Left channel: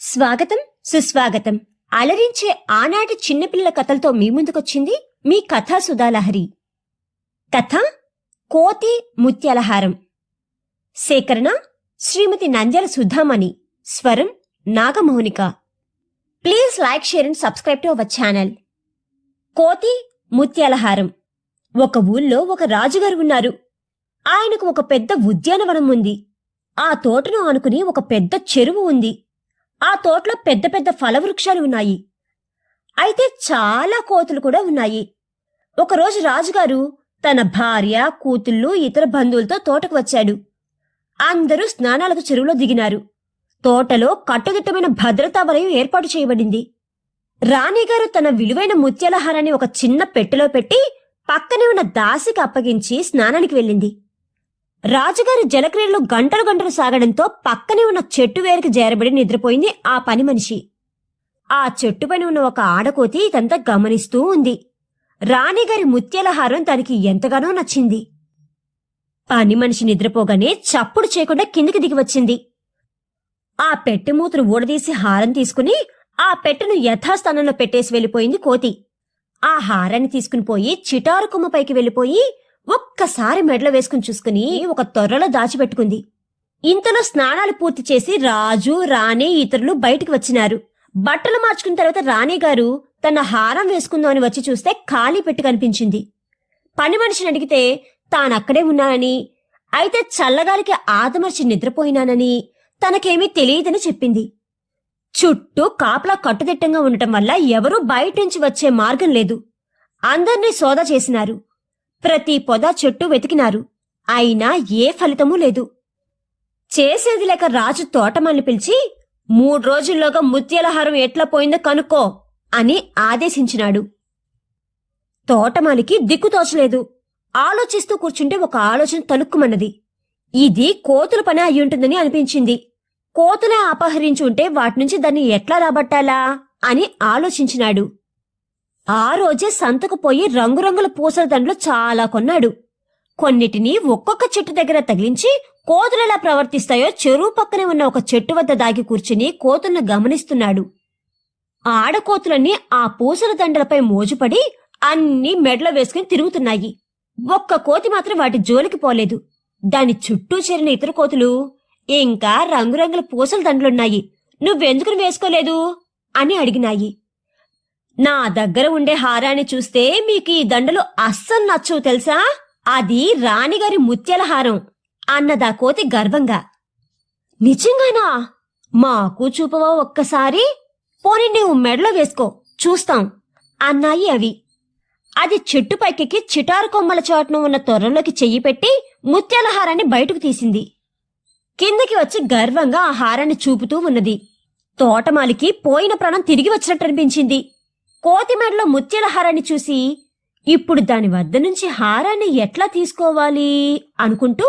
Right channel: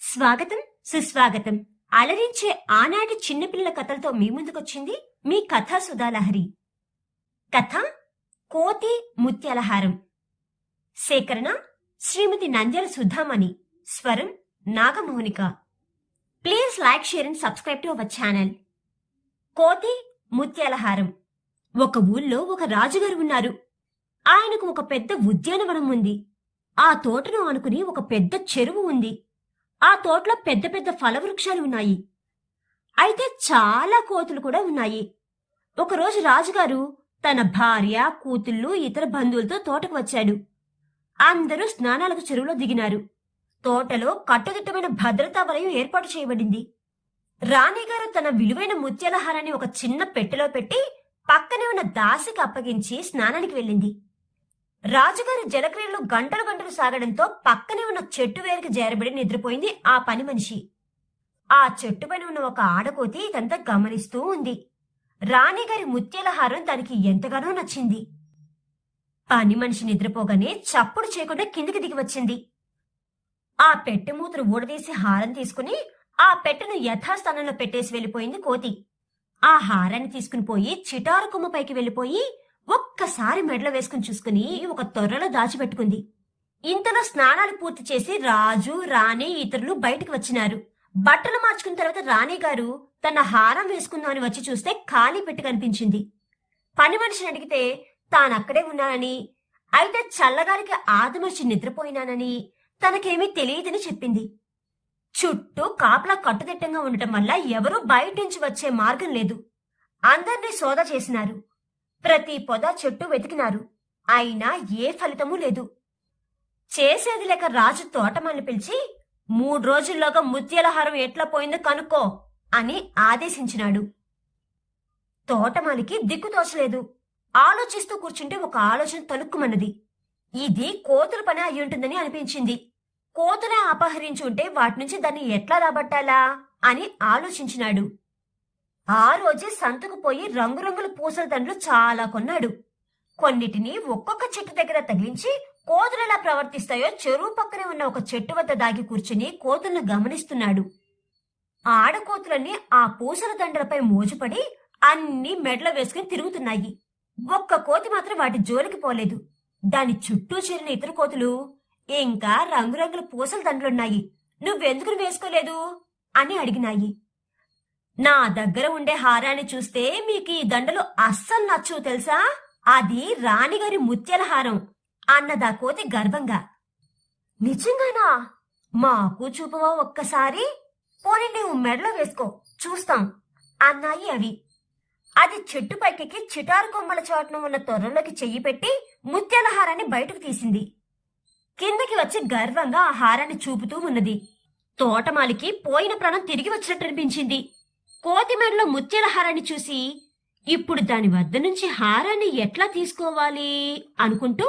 స్వాగతం సుస్వాగతం. అలరించే ఆనాటి చిన్నపిల్లల కథలతో మీ ముందుకొచ్చింది మీ కథా సుధాలహరి. కథ కోతి ముత్యాలహారం. సేకరణ శ్రీమతి నంద్యాల సుధామణి. స్వరం Nagamonika. Please like, share and subscribe to our channel. కోతి ముత్యాలహారం. ఒక ఊళ్ళో ఒక రాజుగారు ఉన్నారు. ఆయనకు ఒక పెద్ద ఉద్యానవనం ఉంది. ఆ తోటను ఆనుకుని ఒక పెద్ద చెరువు ఉంది. ఆ తోటలో పెద్ద పెద్ద ఫలవృక్షాలు ఉన్నాయి. అయితే చాలా కోతులు కూడా ఉన్నాయి. ఒకరోజు రాజుగారు తన భార్య, కూతుళ్ళు, ఇతర బంధువులతో తోటకు వచ్చాడు. అందరూ స్నానాలకు చెరువులో దిగినారు. తోటలో కట్టుదిట్టమైన భద్రతా వలయం ఏర్పాటు చేయబడింది. రాణిగారు తన విలువైన ముత్యాలహారాన్ని ఒక చిన్న పెట్టెలో పెట్టి పక్కనే ఉన్న దాసికి అప్పగించి స్నానానికి వెళ్ళింది. రాజుగారి జలక్రియలు గంటలు గంటలు సాగడంతో పక్కనే ఉన్న చెట్టు వేరుకి చేరబడి నిద్రపోయింది ఆ పని మనిషి. ఆ చెట్టు పైన ఉన్న ఒక ఆడకోతి ఇదంతా గమనిస్తూ ఉంది. రాణిగారి ముత్యాలహారం తనకి ఎంతగానో నచ్చింది. పని మనిషి నిద్రపోగానే చప్పుడు చేయకుండా కిందికి దిగి వచ్చింది. ఆ పెట్టె మూతను ఊడదీసి హారం తీసుకుని ఆ పెట్టెను యథాస్థానంలో పెట్టేసి వెళ్లిపోయింది కోతి. ఆ హారాన్ని తీసుకుని పోయి చిటారు కొమ్మపైకి వెళ్లిపోయి ఒక్కసారి మెడలో వేసుకుని చూసుకుని ఒక తొర్రలో దాచిపెట్టుకుంది. ఇంతలో స్నానాలు పూర్తి చేసి రాజు, రాణి, ఇతరులు బయటికి వచ్చినారు. బట్టలు మార్చుకున్న తర్వాత రాణిగారు తన హారం వేసుకుందామని వచ్చి చూస్తే ఖాళీ పెట్టి కనిపించింది. పని మనిషిని అడిగితే తానక్కడే ఉన్నానని, అయితే చల్లగాలికి ఆదమర్చి నిద్రపోయినానని, తనకేమీ తెలియదని చెప్పింది. చుట్టూ కాపలా కట్టుదిట్టంగా ఉండటం వల్ల ఎవరూ బయట నుంచి వచ్చే మార్గం లేదు. అందర్నీ సోదా చేసినారు. ప్రతి పొద, చెట్టు వెతికినారు. అయినా ఏ ఫలితమూ లేదు. చేసేది లేక రాజు తోటమాలిని పిలిచి 3 రోజుల్లోగా ముత్యాలహారం ఎట్లా పోయిందో కనుక్కో అని ఆదేశించినాడు. తోటమాలికి దిక్కుతోచలేదు. ఆలోచిస్తూ కూర్చుంటే ఒక ఆలోచన తలుక్కుమన్నది. ఇది కోతుల పని అయ్యుంటుందని అనిపించింది. కోతులే అపహరించి ఉంటే వాటి నుంచి దాన్ని ఎట్లా రాబట్టాలా అని ఆలోచించినాడు. ఆ రోజే సంతకు పోయి రంగురంగుల పూసల దండలు చాలా కొన్నాడు. కొన్నిటిని ఒక్కొక్క చెట్టు దగ్గర తగిలించి కోతులెలా ప్రవర్తిస్తాయో చెరువు పక్కనే ఉన్న ఒక చెట్టు వద్ద దాగి కూర్చుని కోతులను గమనిస్తున్నాడు. ఆడకోతులన్నీ ఆ పూసల దండలపై మోజుపడి అన్నీ మెడలో వేసుకుని తిరుగుతున్నాయి. ఒక్క కోతి మాత్రం వాటి జోలికి పోలేదు. దాని చుట్టూ చేరిన ఇతర కోతులు, ఇంకా రంగురంగుల పూసల దండలున్నాయి, నువ్వెందుకు వేసుకోలేదు అని అడిగినాయి. నా దగ్గర ఉండే హారాన్ని చూస్తే మీకు ఈ దండలు అస్సలు నచ్చవు తెలుసా, అది రాణిగారి ముత్యాలహారం అన్నదా కోతి గర్వంగా. నిజంగానా? మాకు చూపవా ఒక్కసారి? పోనీ నువ్వు మెడలో వేసుకో చూస్తాం అన్నాయి అవి. అది చెట్టు పైకెక్కి చిటారు కొమ్మల చాటున ఉన్న తొర్రలోకి చెయ్యి పెట్టి ముత్యాలహారాన్ని బయటకు తీసింది. కిందకి వచ్చి గర్వంగా ఆ హారాన్ని చూపుతూ ఉన్నది. తోటమాలికి పోయిన ప్రాణం తిరిగి వచ్చినట్టు అనిపించింది. కోతి మెడలో ముత్యాలహారాన్ని చూసి ఇప్పుడు దాని వద్ద నుంచి హారాన్ని ఎట్లా తీసుకోవాలి అనుకుంటూ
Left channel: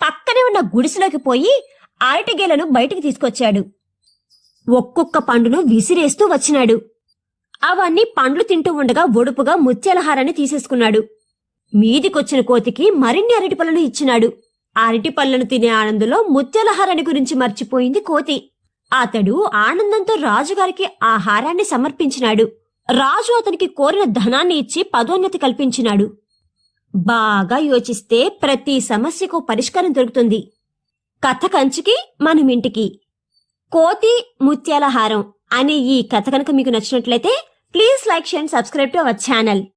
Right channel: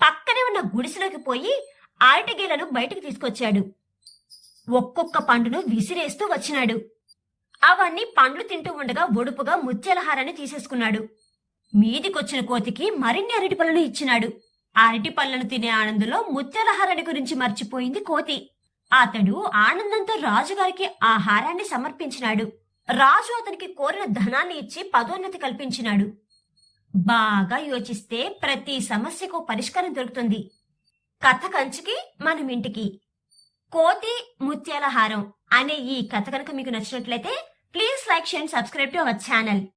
పక్కనే ఉన్న గుడిసెలోకి పోయి అరటిగేలను బయటికి తీసుకొచ్చాడు. ఒక్కొక్క పండును విసిరేస్తూ వచ్చినాడు. అవన్నీ పండ్లు తింటూ ఉండగా ఒడుపుగా ముత్యాలహారాన్ని తీసేసుకున్నాడు. మీదికొచ్చిన కోతికి మరిన్ని అరటి పళ్ళను ఇచ్చినాడు. అరటి పళ్ళను తినే ఆనందంలో ముత్యాలహారాన్ని గురించి మర్చిపోయింది కోతి. అతడు ఆనందంతో రాజుగారికి ఆ హారాన్ని సమర్పించినాడు. రాజు అతనికి కోరిన ధనాన్ని ఇచ్చి పదోన్నతి కల్పించినాడు. బాగా యోచిస్తే ప్రతి సమస్యకు పరిష్కారం దొరుకుతుంది. కథ కంచికి మనమింటికి. కోతి ముత్యాలహారం అనే ఈ కథ కనుక మీకు నచ్చినట్లయితే please like, share and subscribe to our channel.